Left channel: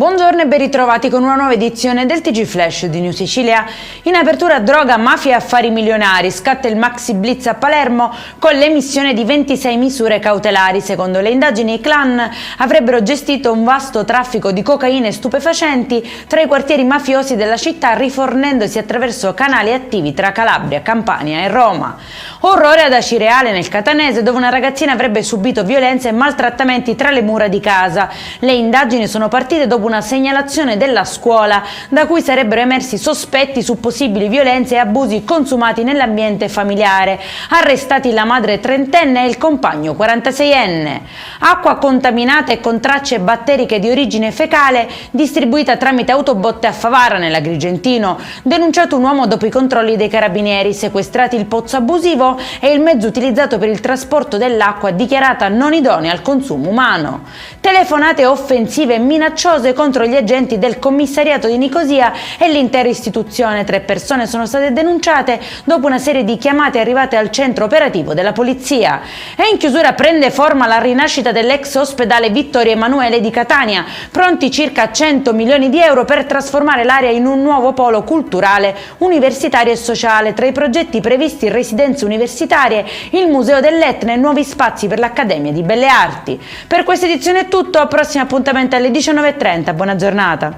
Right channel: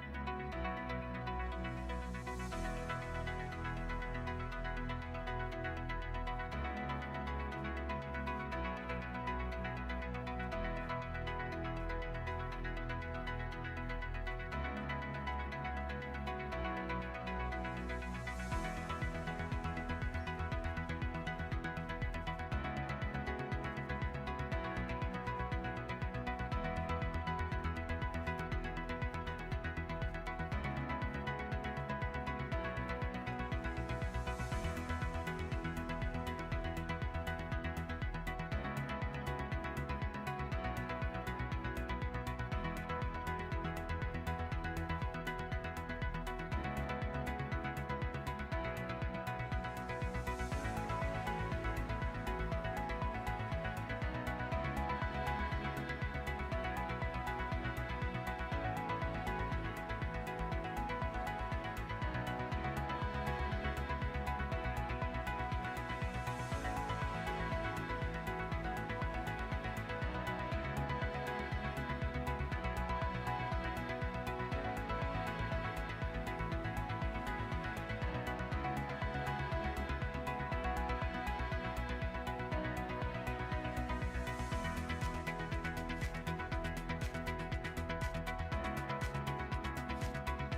Buongiorno e ben ritrovati con una nuova edizione del TG Flash di New Sicilia. In apertura droga, mafia e affari milionari. Scatta il maxi blitz a Palermo con l'emissione di 26 misure cautelari. Secondo le indagini i clan avrebbero gestito un vasto traffico di cocaina e stupefacenti tra i quartieri mafiosi della città, rifornendosi attraverso canali attivi tra Calabria, Campania e Roma. Orrore ad Acireale nel Catanese, dove una ragazzina avrebbe subito violenze e maltrattamenti tra le mura di casa. Le indagini sono partite dopo una segnalazione della scuola, da cui sarebbero emersi sospetti su possibili violenze e abusi consumati nell'ambiente familiare. Arrestati la madre trentenne e il compagno 46enne. Acqua contaminata e con tracce batteriche di origine fecale distribuita tramite autobotte a Favara, nell'Agrigentino. Denunciato un uomo dopo i controlli dei carabinieri. Sequestrati il pozzo abusivo e il mezzo utilizzato per il trasporto dell'acqua, dichiarata non idonea al consumo umano. Telefonate offensive e minacciose contro gli agenti del commissariato di Nicosia e l'intera istituzione. 3 persone sono state denunciate dopo una serie di chiamate arrivate al centro operativo della polizia. E in chiusura prende forma la rinascita dell'ex ospedale Vittorio Emanuele di Catania, pronti circa 100 milioni di euro per trasformare l'area in un nuovo polo culturale, universitario e sociale. Tra i progetti previsti residenze universitarie, il Museo dell'Etna e nuovi spazi per l'Accademia di Belle Arti. Per questa edizione è tutto, prossimo appuntamento alle 19:30, buona giornata.